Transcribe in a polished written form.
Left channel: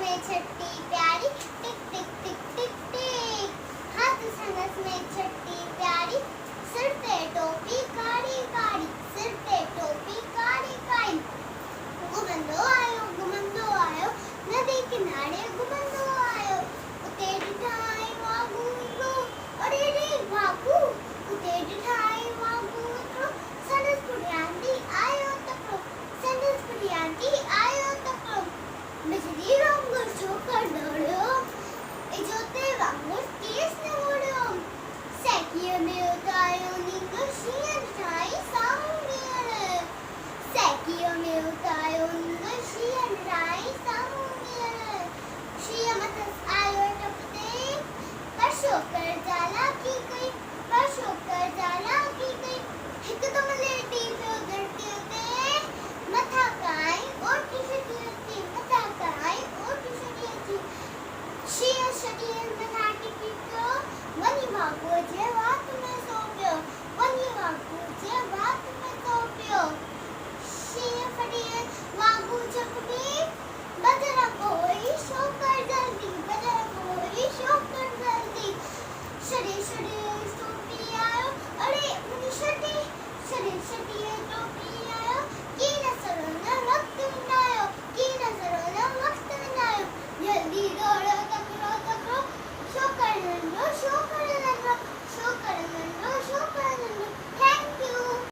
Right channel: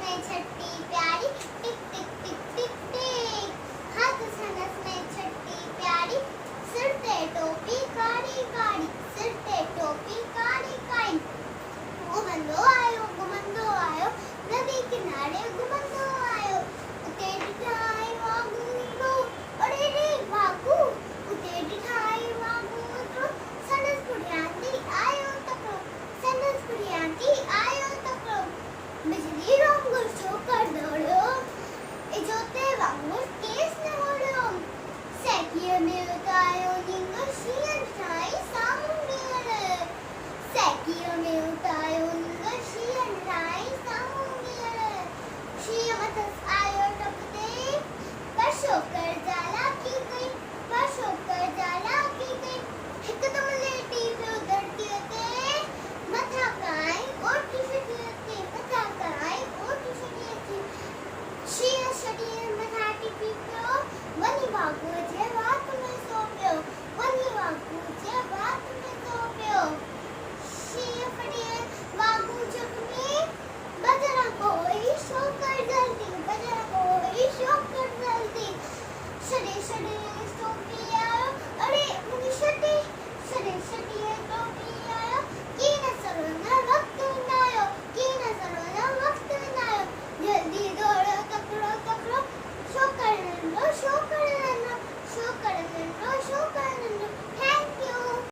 में छठी प्यारी, टिक टिक टिक टिक टिक। हाथ संगस में छठी प्यारी, सिर पे टोपी काड़ी काड़ी, सिर पे टोपी काड़ी काड़ी। घुमंदो आयो, नदी किनारे घुमंदो आयो। उते ठाई वागू, अरे रे वागू, उते ठाई वागू निकलो। संदस कुड़ियांदी आयो तकड़ो, संदस कुड़ियांदी आयो तकड़ो। बिजली रोम गुस्सो कर दौड़ो, इजोते वांगुर